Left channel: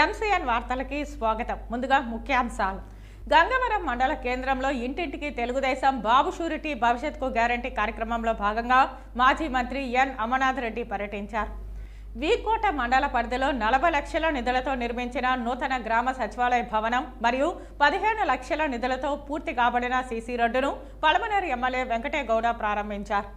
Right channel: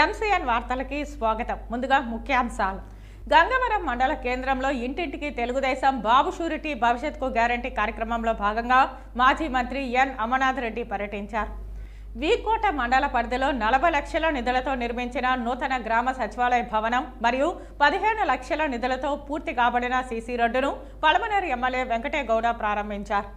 MCN వార్తలకి స్వాగతం. ముందుగా ముఖ్యాంశాలు. గంగవరం మండల కేంద్రంలో ఇంటింటికి తెలుగుదేశం బాబు షూరిటీ భవిష్యత్కు గ్యారంటీ కార్యక్రమంలో భాగంగా మాజీ మంత్రి ఎన్ అమర్నాథ్ రెడ్డి పర్యటించారు. వీకోట మండల పరిధిలో 40 లక్షల నిధులతో నిర్మించిన నూతన గ్రామ సచివాలయ భవనం మరియు 15 లక్షల నిధులతో పూర్తి కాబడిన సీసీ రోడ్డును పలమనేరు ఎమ్మెల్యే వెంకటేగౌడ ప్రారంభించారు.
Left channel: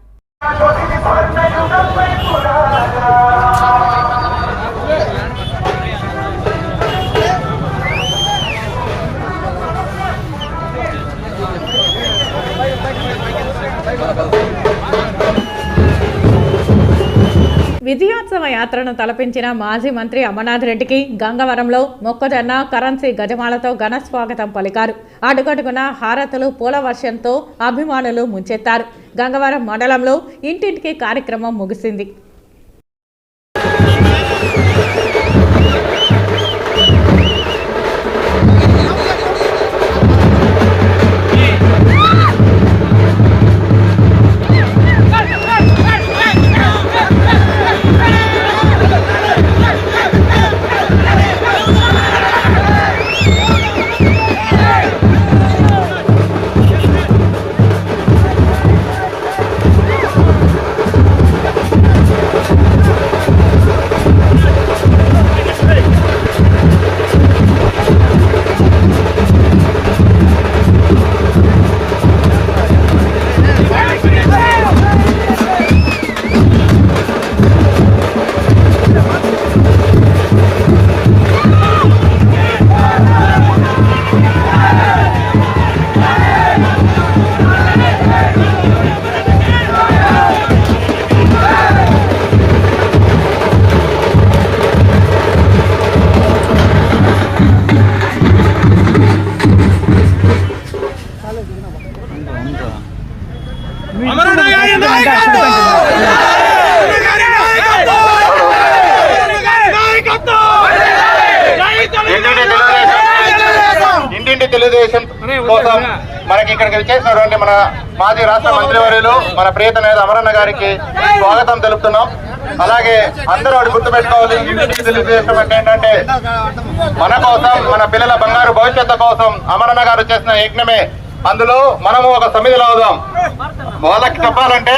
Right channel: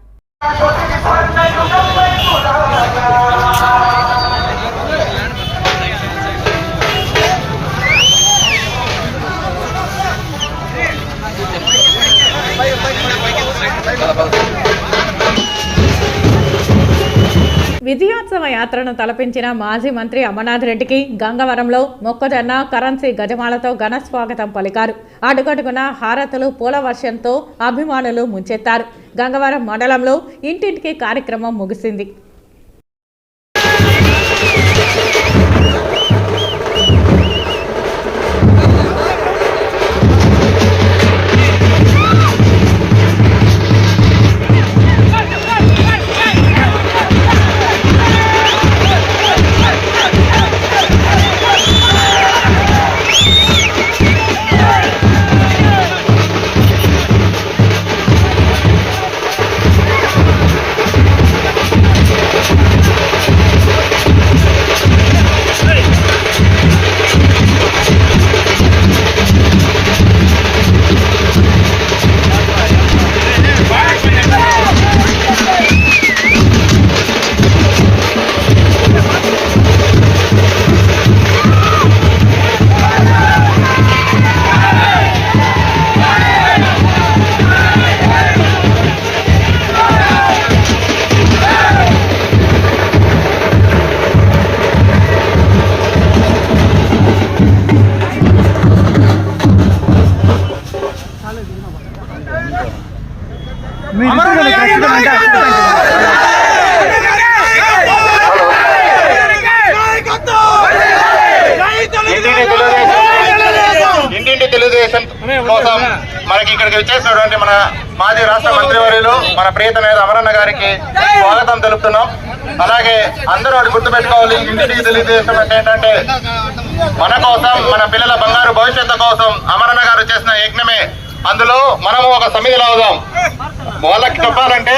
విజయోత్సవ యాత్రను తలపించిన మాజీ మంత్రి అమర్నాథ్ రెడ్డికి గంగవరంలో మొక్కజొన్న కరెన్సీ గజమాలతో ఘన స్వాగతం పలికారు. అడుగడుగున హారతులు పూల వర్షంతో అభిమానులు ముంచెత్తారు. గంగవరం మండలంలో ఇంటింటికి కార్యక్రమం ముగిసింది. ఇంటింటి తెలుగుదేశం కోసం మనకి ఇక్కడికి వచ్చేసినటువంటి మన మాజీ రాష్ట్ర మంత్రివర్యులు మన ప్రియత నేత అమరన్న గారికి స్వాగతం తెలుపుతున్నాం. అలాగే అందరూ అది గుర్తుపెట్టుకోవాలి, ఇంటింటికి తెలుగుదేశం అంటే ఏంటంటే మన కోసం, మన పిల్లల బంగారు భవిష్యత్తు కోసం అమరన్న గారు చేసిన యజ్ఞమే. అందులో మనము ఒక సమిధిలో అవుదాం. వాళ్ళకి చెప్పాలంటే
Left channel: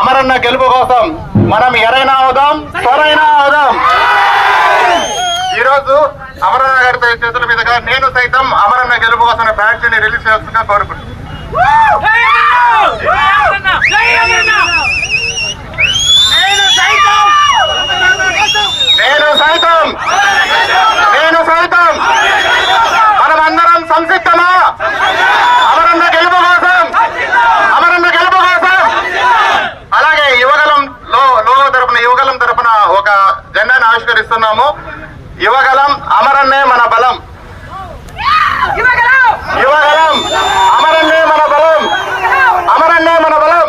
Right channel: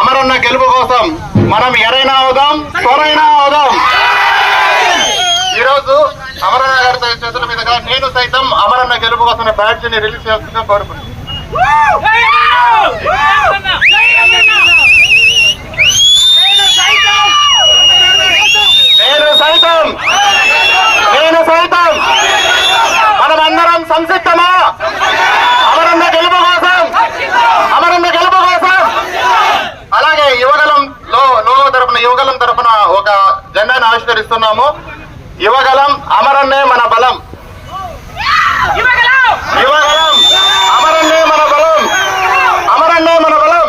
అమరన్న గెలుపు కోసం మనం ఎరైనా అవుదాం, త్వరైనా అవుదాం. ఈ రోజు అమరన్న గారి చేతుల మీదుగా నేను సైతం అమరన్న గెలుపు కోసం బ్యాడ్జిని రిలీజ్ చేస్తున్నా కోరుకుంటున్నాను. నేను సైతం మనమందరం సంసిద్ధమా అమరన్న గెలుపు కోసం, అమరన్న గెలుపు కోసం. అలాగే యువగలం తరపున ఒక జెండాను ఆవిష్కరిస్తున్నాము. యువగలం అమరన్నే మన బలం, యువగలం అమరన్నే మన బలం, అమరన్నే మన బలం,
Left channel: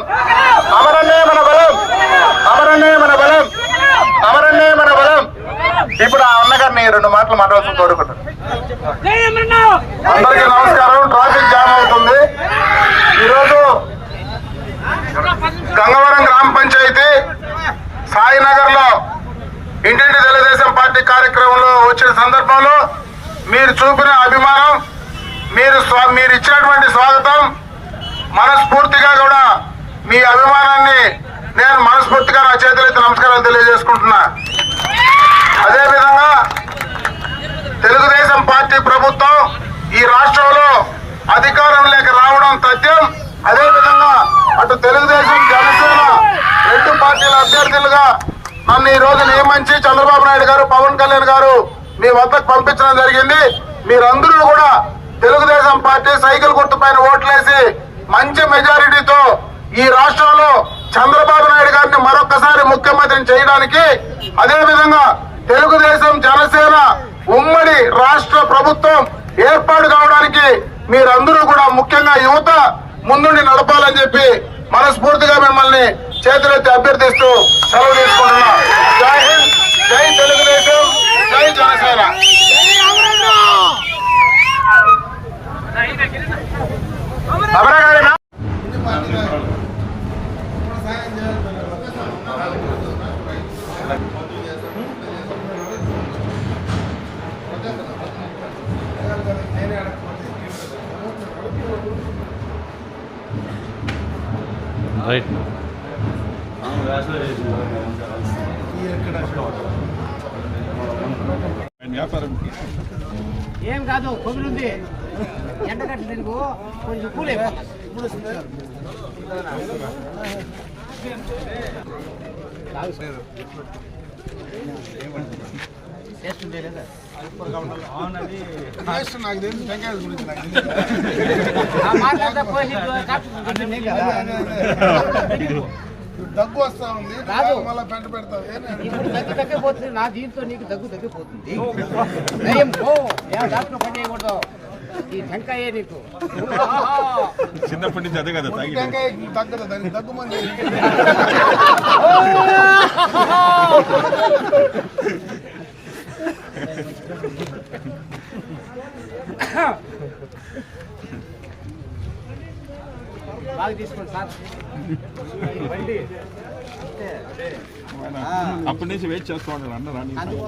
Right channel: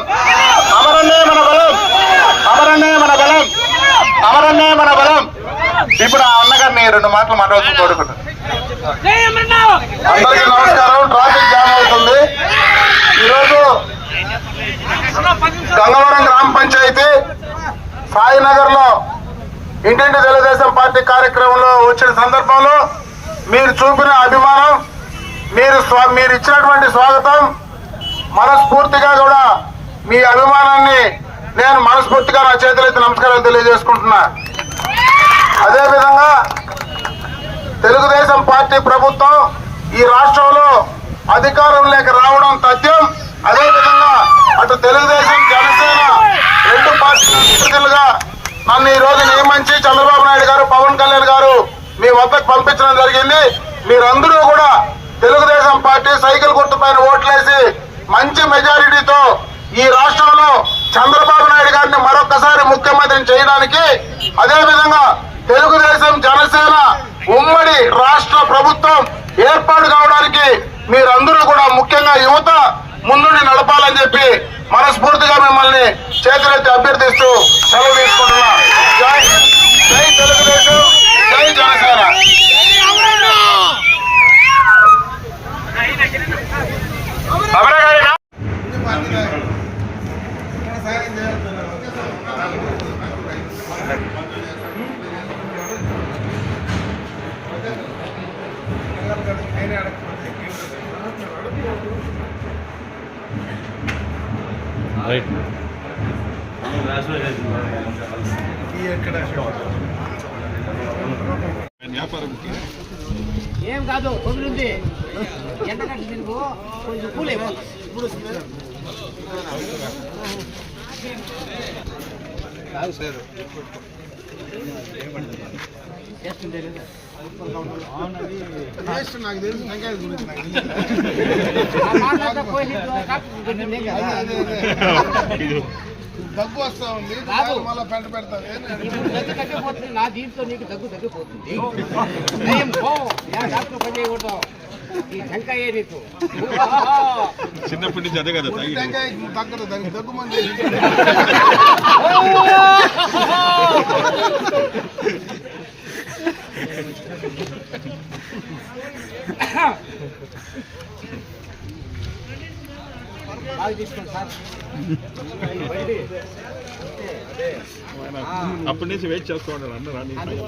అమరన్నే మన బలం, అమరన్నే మన బలం, అమరన్నే మన బలం. ఇప్పుడు ఆ అన్నగారిని 2 మాటలు మాట్లాడుతూ కోరుకుంటాను. అందరికీ నమస్కారం. ట్రాఫిక్ జామ్ అవుతుంది. ఈరోజు గంగవరం గ్రామ పంచాయతీ సాయినగర్ లో ఇంటింటి తెలుగుదేశం పార్టీ కార్యక్రమంలో వచ్చిన సందర్భంలో మీరు చూపిన అభిమానం, మీరు ఇచ్చినటువంటి స్వాగతం, మనస్ఫూర్తిగా కూడా మీ అభిమానాన్ని నేను మనస్ఫూర్తిగా నా చేతులెత్తి నమస్కారాలు తెలియజేసుకుంటున్నా. అదేవిధంగా తెలుగుదేశం పార్టీ ప్రభుత్వం ఈ రాష్ట్రంలో అధికారం లేక రావడం తథ్యం. అదేవిధంగా అటు తెలుగుదేశం, జనసేన 2 పార్టీల అభ్యర్థులుగా నన్ను ఈ రోజు నియమించి చంద్రబాబు నాయుడు గారు, పవన్ కళ్యాణ్ గారు మీ వద్దకు పంపించడం జరిగింది. మీరందరూ కూడా తెలుగుదేశం పార్టీ సైకిల్ గుర్తు పైన ఓట్లేసి మంచి మెజారిటీతో ఈ రాష్ట్రంలో చంద్రబాబు నాయుడు గారిని మరొకసారి ముఖ్యమంత్రిని చేయడానికి, అదేవిధంగా తెలుగుదేశం, జనసేన ఉమ్మడి రాష్ట్ర ప్రభుత్వం ఏర్పాటు కావడానికి మీరందరూ కూడా ముఖ్యంగా యువత ముందుండి నడపాలని చెప్పి మనస్ఫూర్తిగా మిమ్మల్ని చేతులెత్తి అభ్యర్థిస్తూ సెలవు తీసుకుంటున్నా. జై హింద్, జై తెలుగుదేశం, జై జనసేన. ఏం కాదు కొబ్బరి ఉంది ఎండగట్టు తిరుగు కొంచెం కూల్ దగ్గు వస్తా ఉంది రాదు మళ్ళీ పెంట పెడతావు ఇప్పుడు దగ్గు తగ్గిపోతుంది నా దీంతో నీకు దగ్గు తగ్గిపోతుంది డాక్టర్ పని చేయకూడదు ఈ టెంకాయే నీకు చిన్నప్పటి నుంచి అదే కదా దగ్గర దగ్గు మంది బాగా తీసుకోండి సార్ అప్పటి నుంచి వెయిట్ చేస్తూ ఉంటారు అందరూ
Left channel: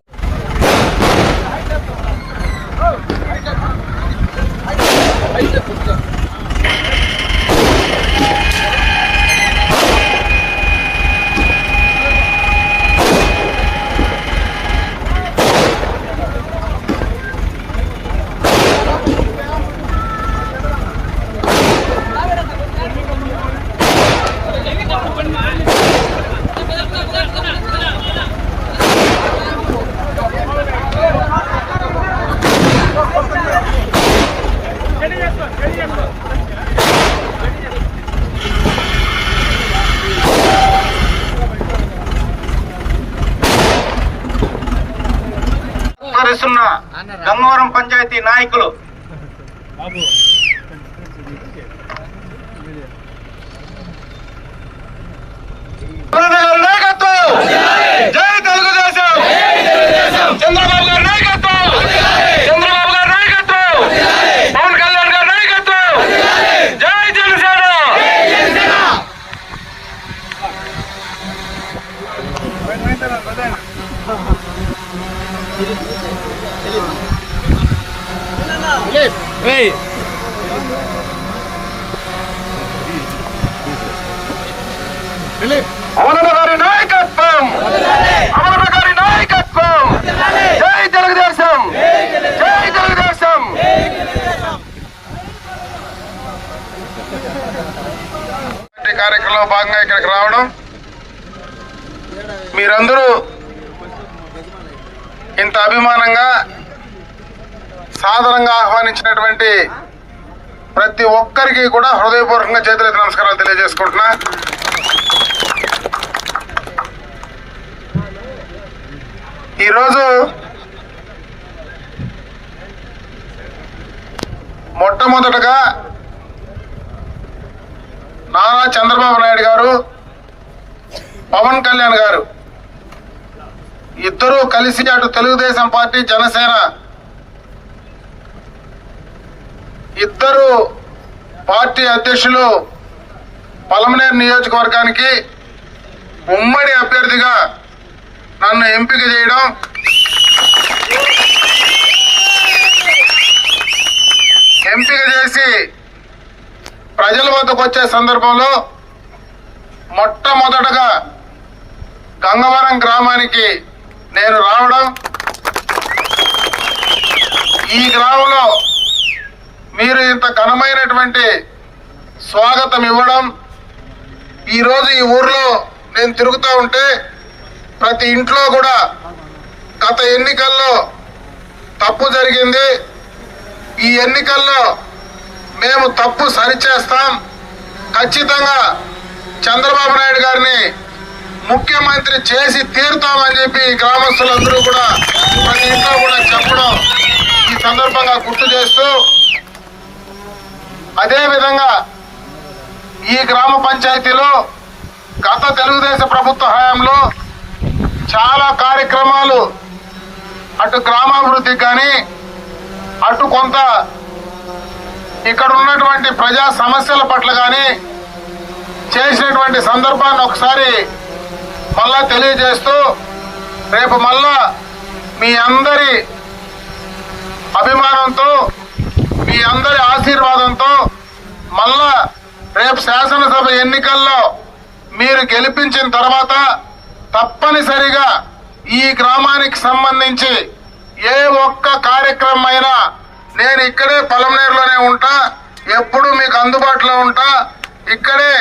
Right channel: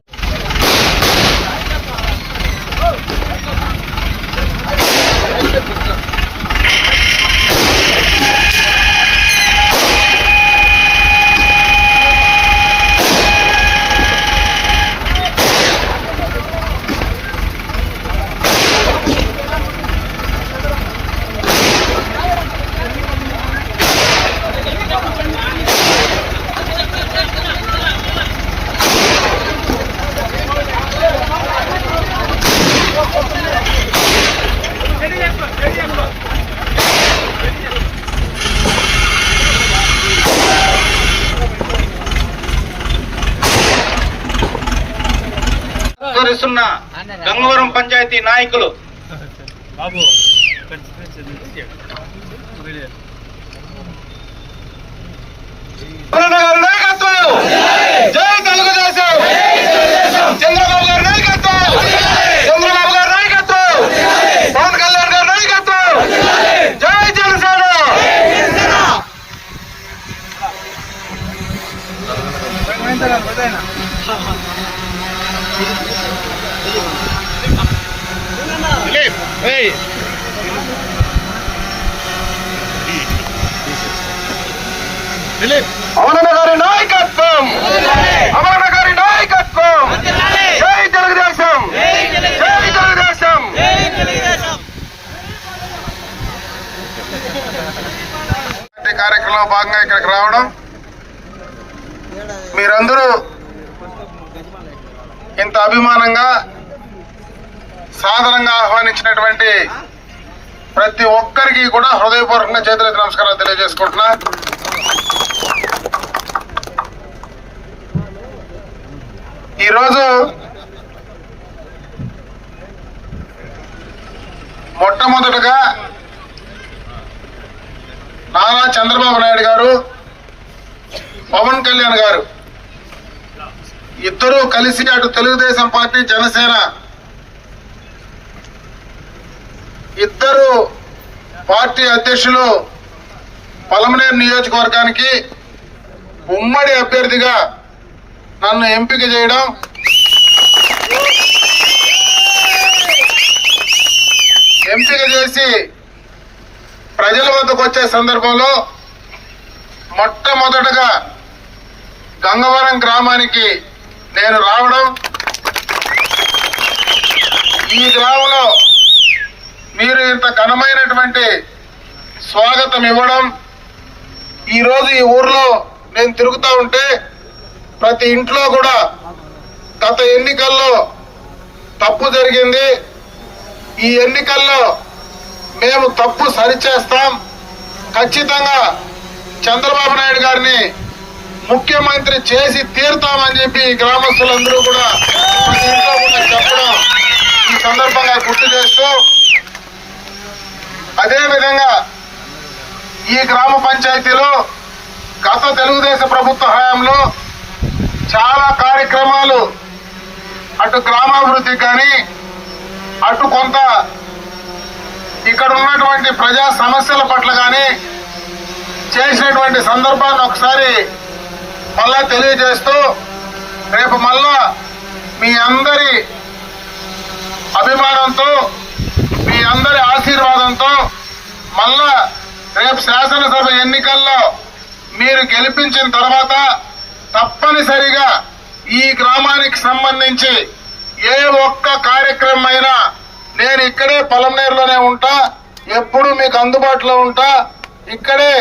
గంగవరం పంచాయతీ నాయకులు జై తెలుగుదేశం చంద్రబాబు గారి నాయకత్వం చంద్రబాబు గారి నాయకత్వం పవన్ కళ్యాణ్ గారి నాయకత్వం జై జనసేన అమరన్న గారి నాయకత్వం అమరన్న గారి నాయకత్వం జై తెలుగుదేశం జై తెలుగుదేశం కార్యక్రమంలో భాగంగా ఇక్కడికి రావడం మీరందరూ ఇంత అభిమానంగా సాధారణంగా ఆహ్వానించినటువంటి ప్రతి ఒక్కరికి కూడా హృదయపూర్వకంగా చేతులెత్తి నమస్కారాలు తెలియజేసుకుంటున్నా. ఈరోజు మొట్టమొదటగా నారా చంద్రబాబు నాయుడు గారు పవన్ కళ్యాణ్ గారు ఇద్దరూ కలిసి అటు తెలుగుదేశం పార్టీ జనసేన ఇద్దరు పార్టీ అధ్యక్షులు పలమనేరు నియోజకవర్గానికి ఉమ్మడి అభ్యర్థిగా నన్ను ఎంపిక చేయడం ఎంపిక చేసి ప్రజల వద్దకు వచ్చే సందర్భంలో మొట్టమొదటగా గంగవరం గ్రామానికి నేను రావడం, ఈ గ్రామంలో మీరు ఇంత ఘనమైనటువంటి స్వాగతం ఇవ్వడం, ఈరోజు ఈ ఊర్లో నేను తిరుగుతూ ఉంటే ప్రతి ఇంట్లో కూడా గత ఎన్నికల్లో తప్పు జరిగింది, ఈ ఎన్నికల్లో మేము తప్పు సరిచేస్తాం, ఖచ్చితంగా చంద్రబాబు నాయుడు గారిని ముఖ్యమంత్రి చేసి తీరుతామని చెప్పి గ్రామస్తులందరూ కూడా ప్రతి ఇంట్లో కూడా చెప్పడం ఈ సందర్భంగా గుర్తు చేస్తూ, అదేవిధంగా ఈ గ్రామ పంచాయతీలో గత తెలుగుదేశం ప్రభుత్వ హయాంలో చాలా కార్యక్రమాలు అటు గ్రామాభివృద్ధికి కానీ అటు కొంత ఇక్కడ ఉన్నటువంటి ప్రజా సమస్యల పట్ల కానీ చేసినటువంటి సందర్భాన్ని ఒకసారి మళ్ళా తెలియజేస్తూ, రేపు మళ్ళా మీ అందరి అభిమానంతో అందరి ఆశీర్వాదంతో మళ్ళా రేపు శాసనసభ ఎన్నికల్లో మీరు గెలిపించిన తర్వాత తప్పనిసరిగా ఈ గ్రామానికి సంబంధించి ఏ ఒక్క కార్యక్రమం అయినా నేను ఇక్కడే పొలంనేరులోనే ఉంటా, ఎప్పుడు మీకు అందుబాటులో ఉంటా, ఇక్కడే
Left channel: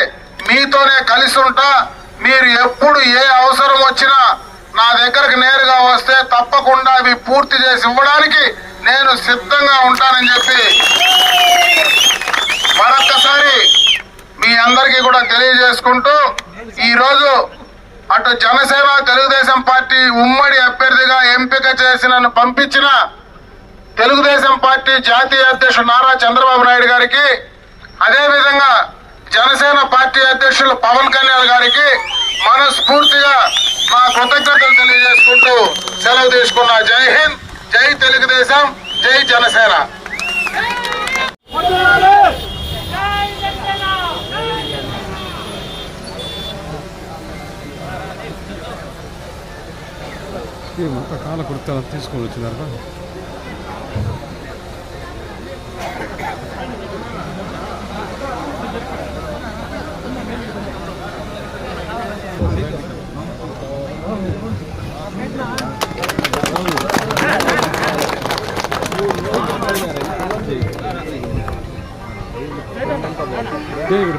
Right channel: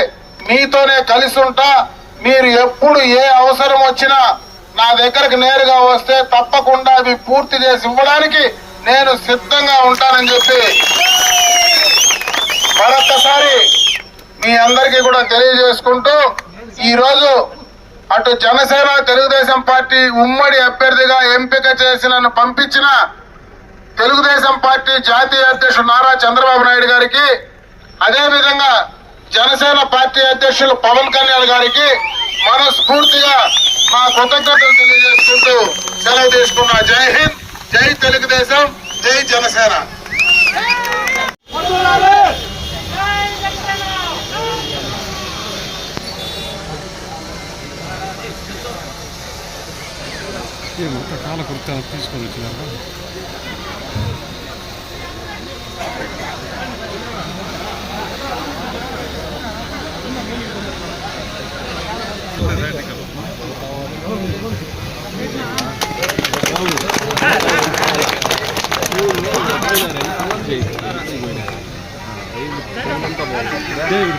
మీతోనే కలిసి ఉంటా. మీరు ఎప్పుడు ఏ అవసరం వచ్చినా నా దగ్గరకు నేరుగా వస్తే తప్పకుండా అవి పూర్తి చేసి ఇవ్వడానికి నేను సిద్ధంగా ఉంటానని చెప్పి మరొక్కసారి మీ అందరికీ కూడా తెలియజేసుకుంటూ ఈరోజు అటు జనసేన తెలుగుదేశం పార్టీ ఉమ్మడి అభ్యర్థిగా ఎంపిక చేసి నన్ను పంపించిన తెలుగుదేశం పార్టీ జాతీయ అధ్యక్షుడు నారా చంద్రబాబు నాయుడు గారికి, అదేవిధంగా జనసేన పార్టీ అధ్యక్షులు పవన్ కళ్యాణ్ గారికి మనస్ఫూర్తిగా నా కృతజ్ఞతలు తెలియజేసుకుంటూ సెలవు తీసుకున్నా. జై హింద్, జై తెలుగుదేశం, జై జనసేన. మొక్క కాల కుర్తాలు తీసుకొని వచ్చినారు. దేవుడు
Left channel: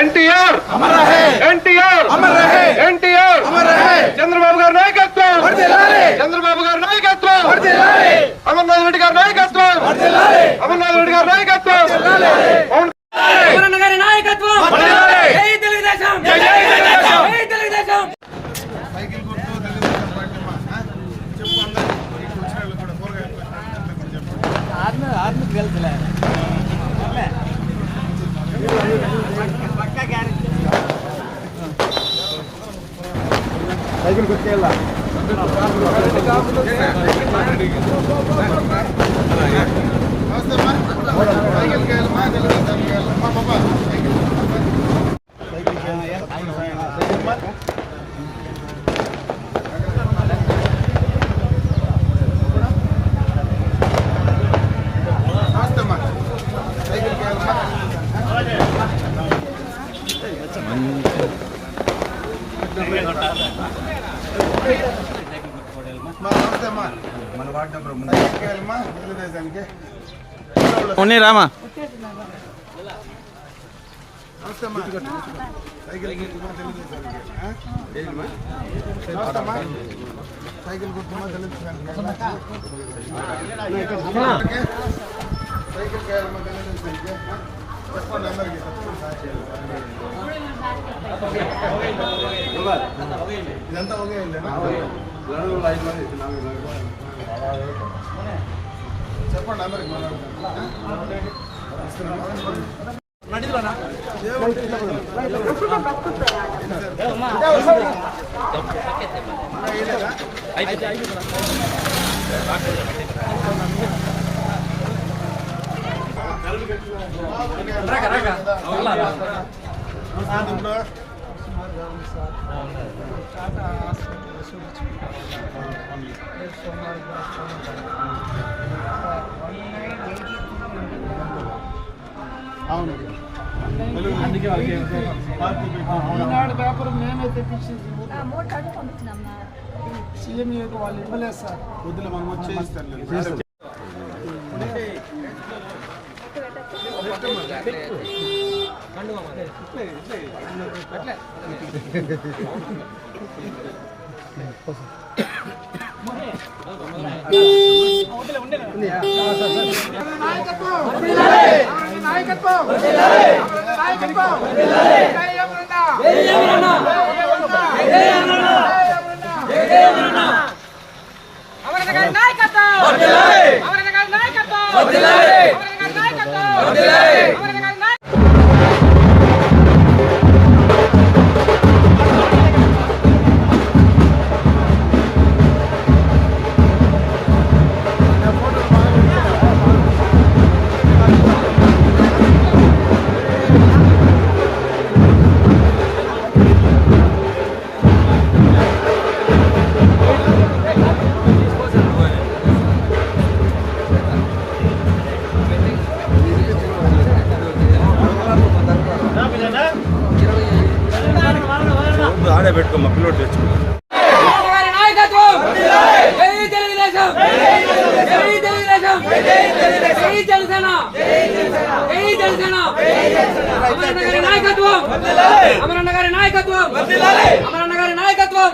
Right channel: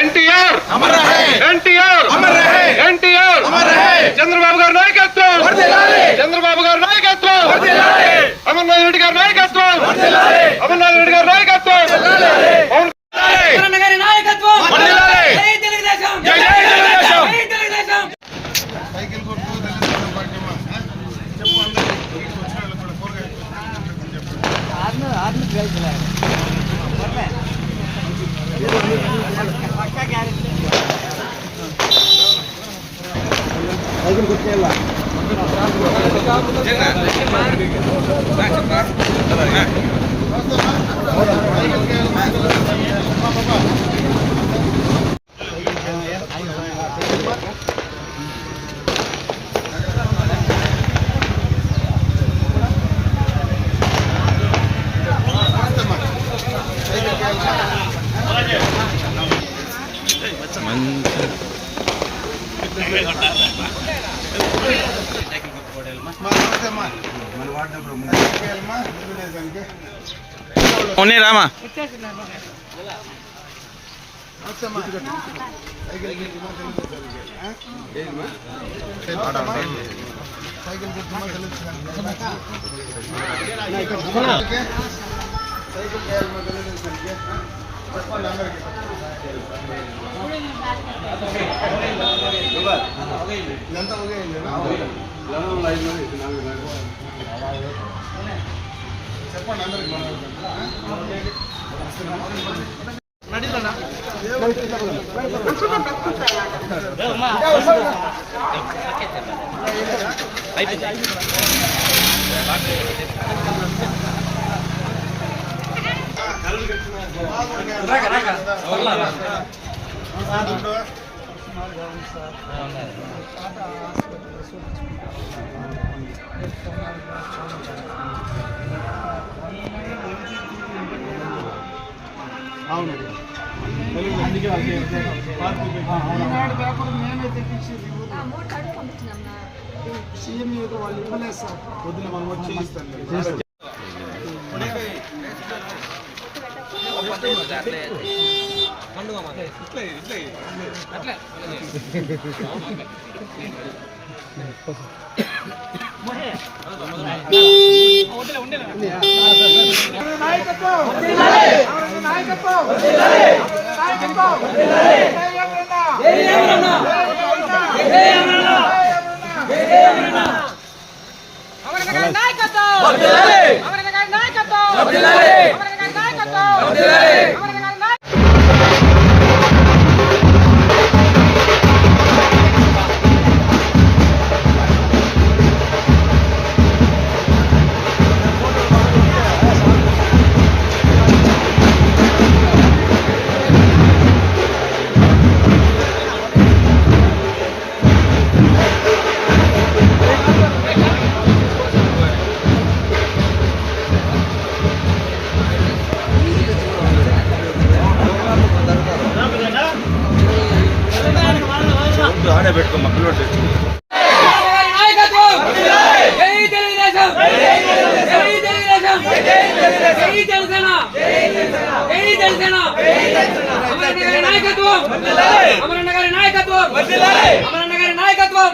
ఎన్టీఆర్ ఎన్టీఆర్ ఎన్టీఆర్ చంద్రబాబు గారి నాయకత్వం, చంద్రబాబు గారి నాయకత్వం, అమర్నాథ్ రెడ్డి గారి నాయకత్వం, అమర్నాథ్ రెడ్డి గారి నాయకత్వం, గారి నాయకత్వం. జై తెలుగుదేశం, జై తెలుగుదేశం. సైకిల్ గుర్తేలా రామా సైకిల్ గుర్తుమా చెప్పండి అందరికీ. ఇదంతా ఓకే చెప్పండి అందరికి. అవును అందుకే పేపర్ మేమే తెప్పించి సీఎం వాళ్ళు ఇవ్వలేదు సార్. పొద్దున మనం వచ్చి ఇస్తాను. నాయకత్వం ఆడే పెట్టుకో మా పిల్లలు తెచ్చుకుంటారు. నాయకత్వం జై తెలుగుదేశం, జై తెలుగుదేశం, జై జనసేన, జై జనసేన. అమరన్న గారి నాయకత్వం, అమరన్న గారి నాయకత్వం, అమరన్న గారి నాయకత్వం.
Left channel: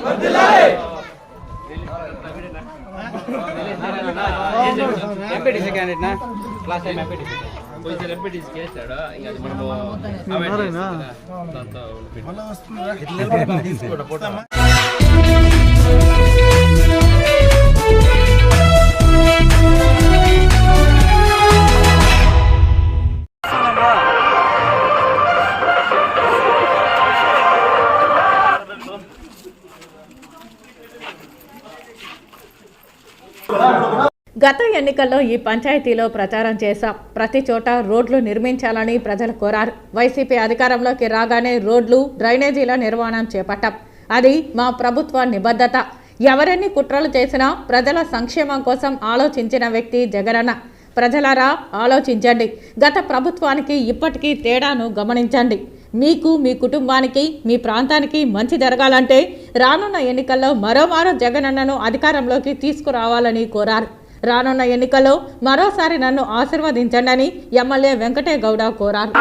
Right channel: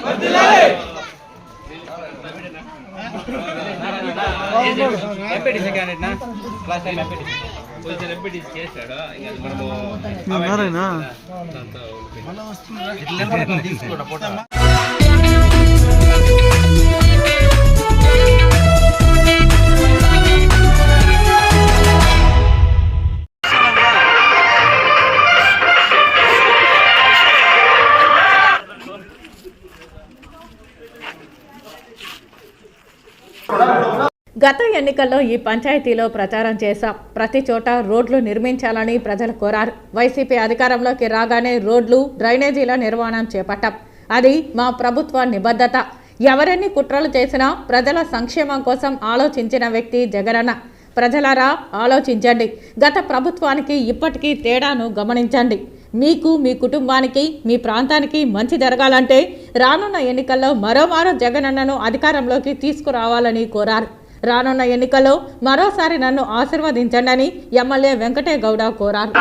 చేస్తాడు గత ఎన్నికల్లో ఈ పంచాయతీలో ప్రచారం చేశాం. ప్రతి చోట రోడ్లు నిర్మించాలని ప్రజలు కోరారు. వైసీపీ అధికారంలోకి రాగానే రోడ్లు, డ్రైనేజీల నిర్మాణం చేపట్టాం. అది మా ప్రభుత్వ నిబద్ధత. ఎవరెన్ని కుట్రలు చేసినా ప్రజల సంక్షేమం కోసం ఆలోచించిన వ్యక్తి జగనన్న. ప్రజలారా ఆలోచించండి. గత ప్రభుత్వానికి ఇప్పటికీ తేడాను గమనించండి. మీకు, మీ కుటుంబానికి, మీ ప్రాంతానికి మంచి జరగాలంటే రానున్న ఎన్నికల్లో మరోమారు జగనన్నను అధికారంలోకి తీసుకురావాలని కోరారు. రానున్న ఎన్నికల్లో మరోసారి నన్ను ఆశీర్వదించండి ఎమ్మెల్యే వెంకటే గౌడ కోరారు.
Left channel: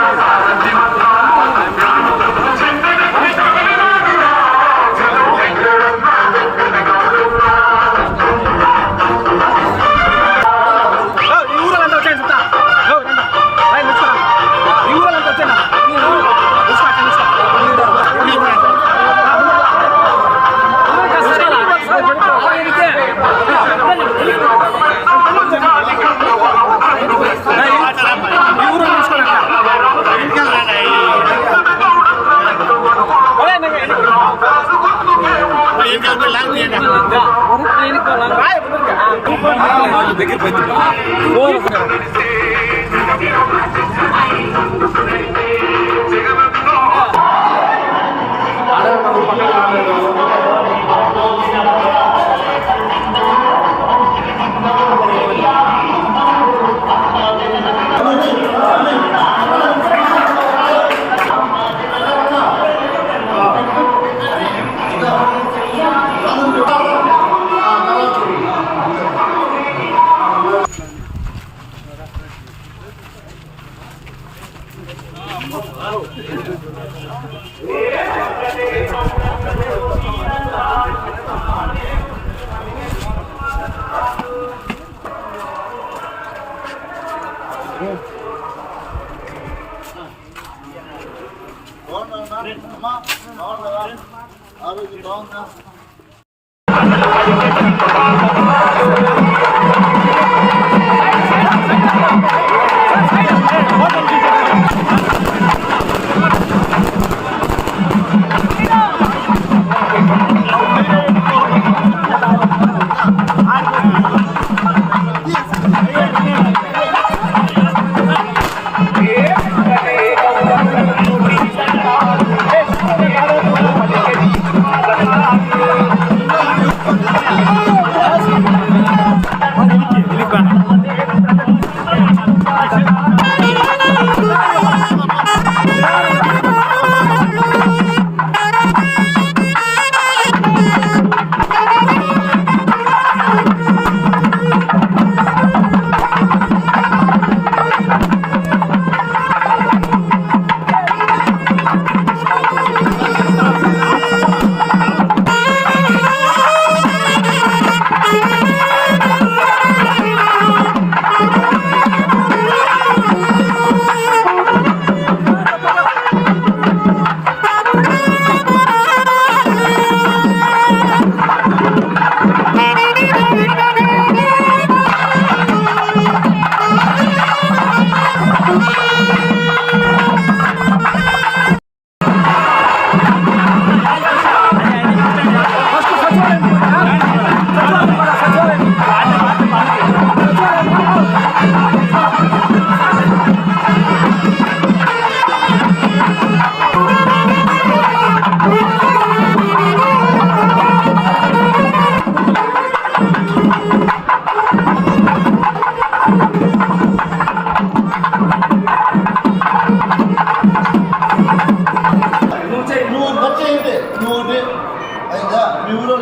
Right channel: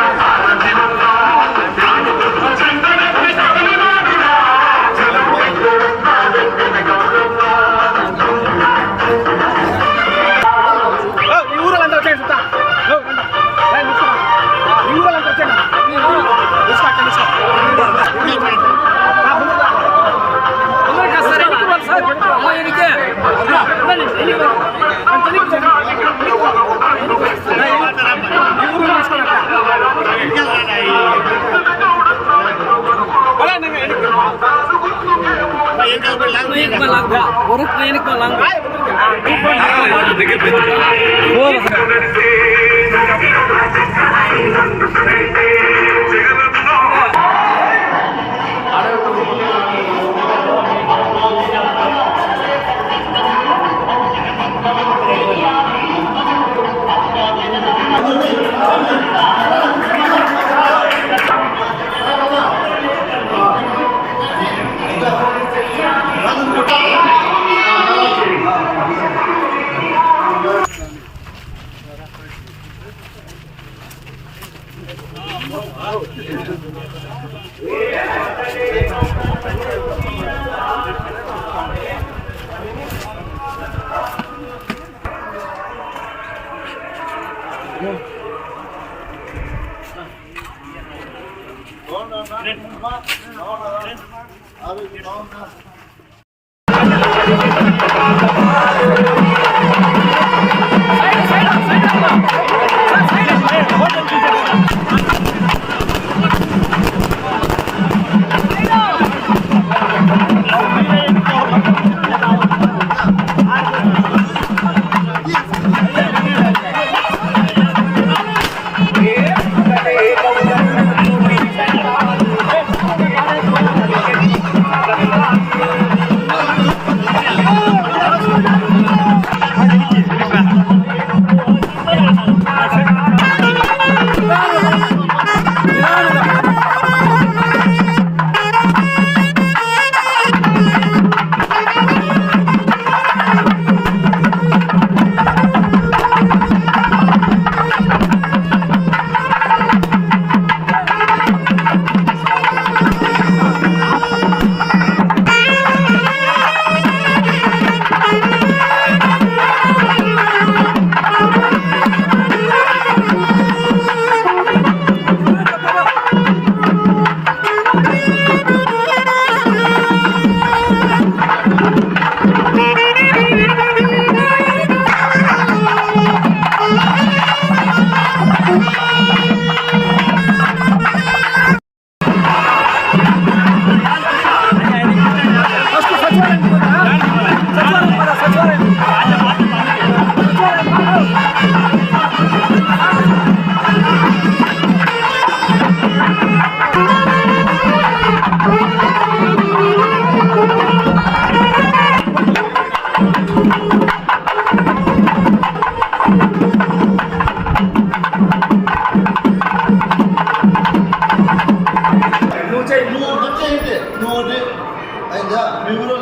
మీ ఊరు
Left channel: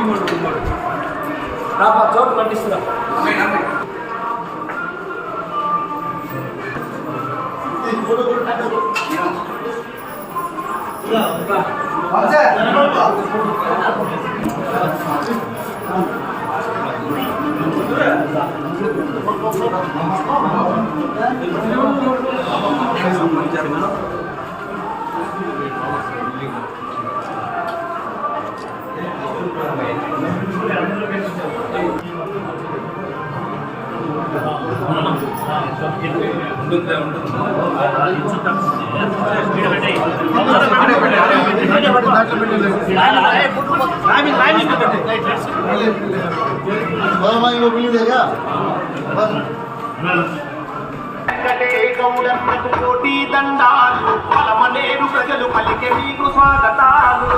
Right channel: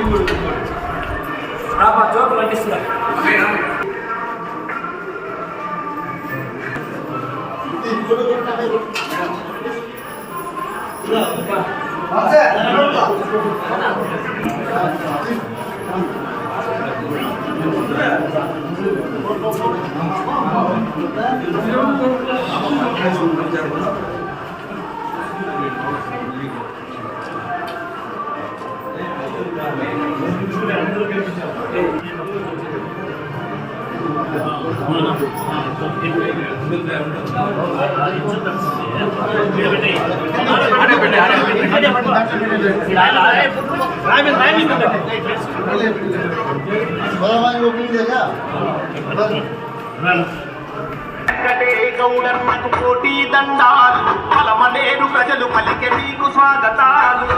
ఇంకోటి చోటు పండిస్తున్నా కోటి దండాలు అలమనేరు ప్రజలు పలికే నీకు స్వాగతాలు.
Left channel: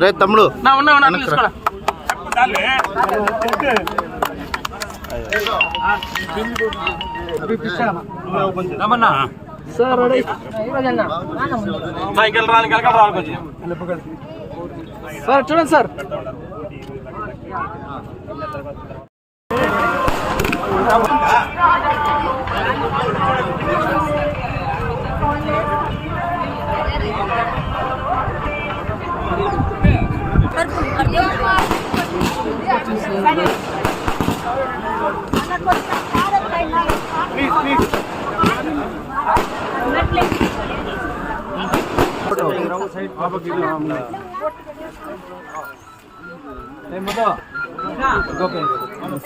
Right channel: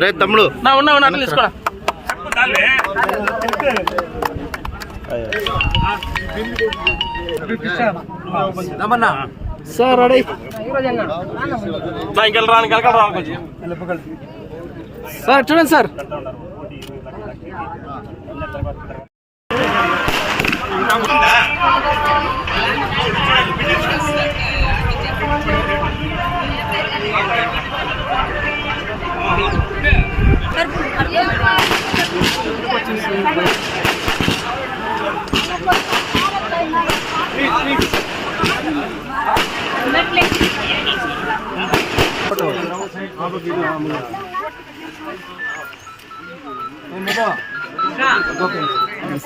రేపు తమ్ముడు సార్ రెడీ సార్ చూడండి సార్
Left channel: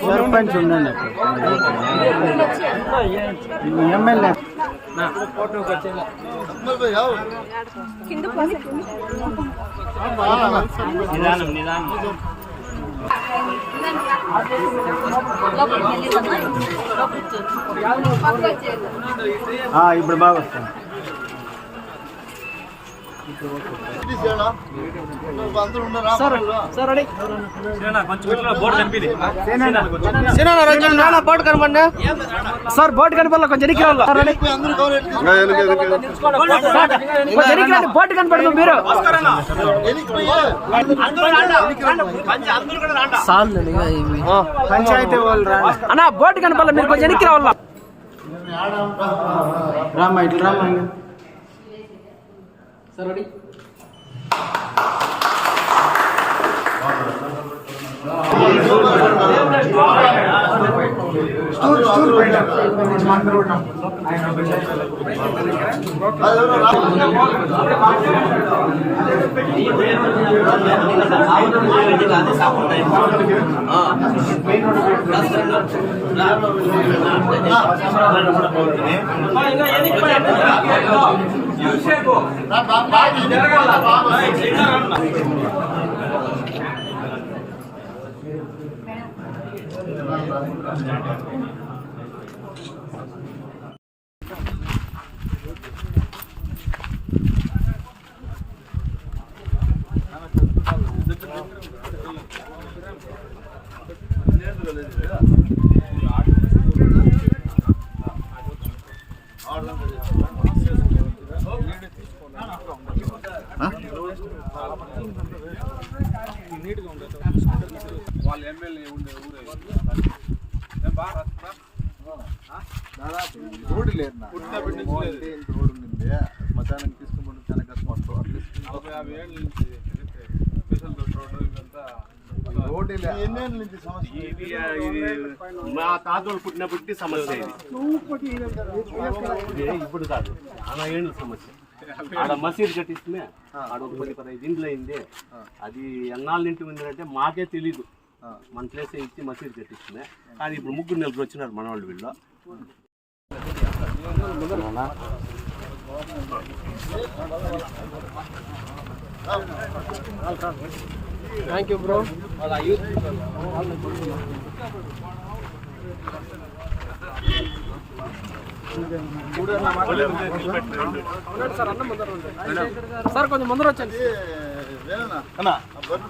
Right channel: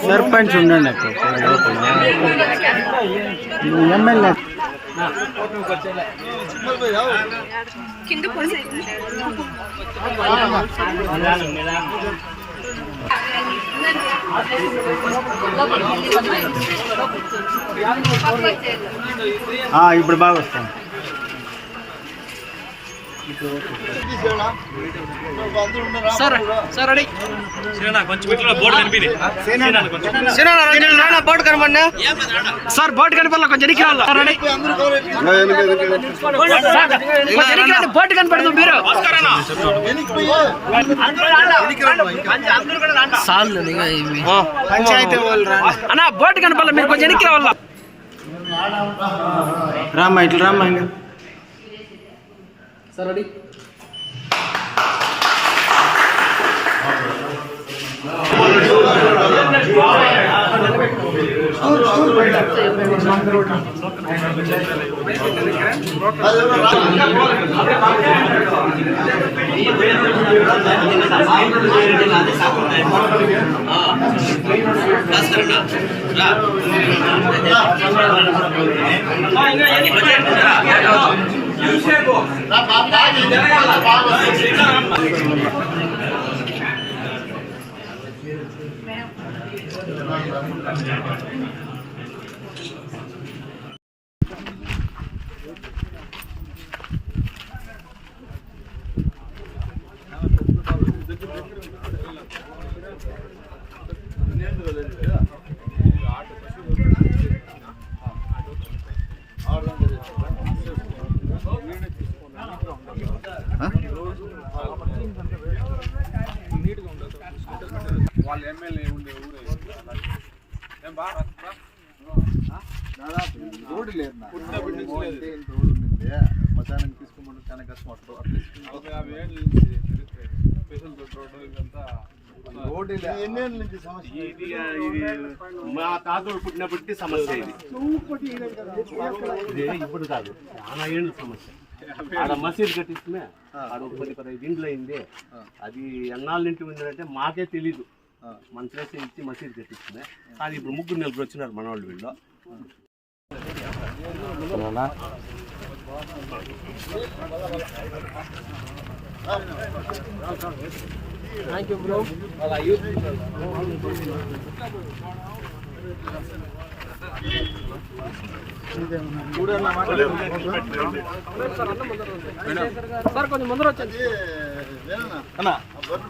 సర్పంచ్ ఉండండి ఎమ్మెల్యే ఇప్పుడు బాగా వస్తాను సార్ సార్ రెడీ బోర్డు కనపడి సార్ బోర్డు కనపడాల కొంచెం ఎనికి రావాలా రెడీ బోర్డు కనపడింది మీరు అన్నా బోర్డు కనపడాల మీరు కొంచెం ఎనికి రావాలా రామ్మా ఇట్లా రామ్మా సార్ రెడీ వాళ్ళ ఎమ్మెల్యే ఉండే ఊరే బాగా రోడ్డు లేదు రోడ్డు ఉంది మధ్యాహ్నం తీసుకోమంటే చాలా కష్టం వస్తుంది 50 ఏళ్ళ నుంచి స్పెషల్ రోడ్డు ఇవంతా రోడ్డు ఎన్ని ఏళ్ళ నుంచి సమస్య మా తాతలు పుట్టినప్పటికీ సమస్య ఇది ఇప్పుడు కాదు చాలా ఏళ్ళ సమస్య ఆడ మసీద్ కట్టిస్తే ఆడ ఒక 10-15 ఇండ్లు అయింది అది ఎన్నాళ్ళ ఇంటి ఉందంటే మాకే తెలీదు మన ప్లేస్ ఇచ్చి మసీద్ కట్టిస్తుంది అది ఇప్పుడు 3 నెలలు వచ్చినారు మన వాళ్ళు వీళ్ళు థ్యాంక్ యూ బ్రో సార్ కొంచెం ముందర వచ్చండి. అన్నా ఫోటో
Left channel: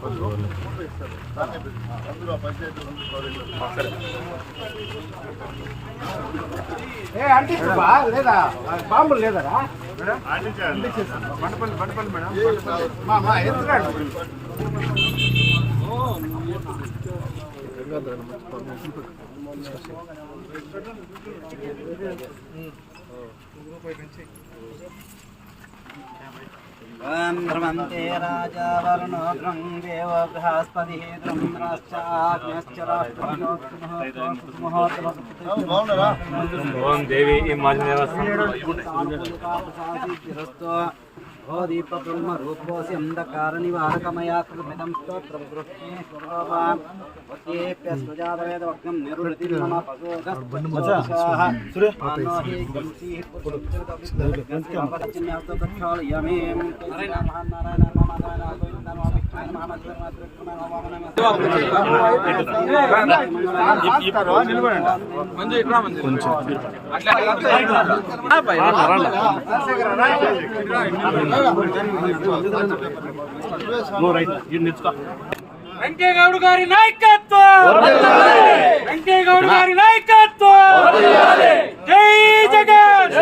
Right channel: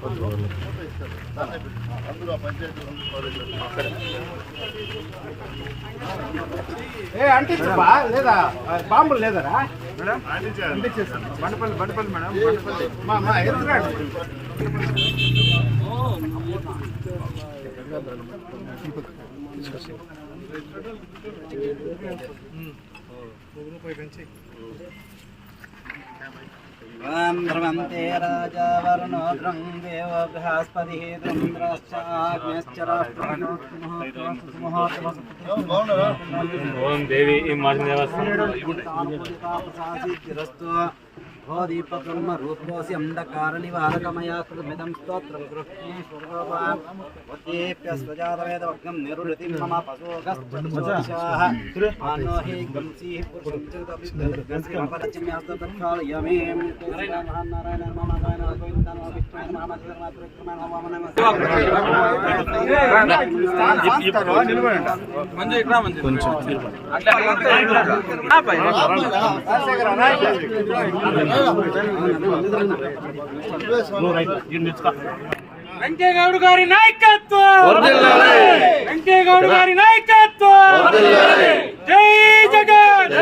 ఇస్తారు దాన్నే పెట్టి అందులో పంచాయతీ అంటించా లేదా బాంబులు లేదరా ధ్రువంతే రాజా వరుణో ద్రం దేవ బృహస్పతి బాగున్నారా ఓం దేవి ఈ మాజీ దేవస్థానం దీపబ్రహ్మ రూపోసి అంధకార నివారకమయా కృమిదం స్తోత్రం దృష్టిప్యస్వజాతవేదవగ్నం నిరుతి మమ పశోగస్వాహ మానోహి గంసి పురుషోత్తరయమేం మహానారాయణ మహానారాయణ గోవింద విష్ణు వెంకయ్యగౌడ గారి నాయకత్వం, వెంకయ్యగౌడ గారి నాయకత్వం, జై జగన్.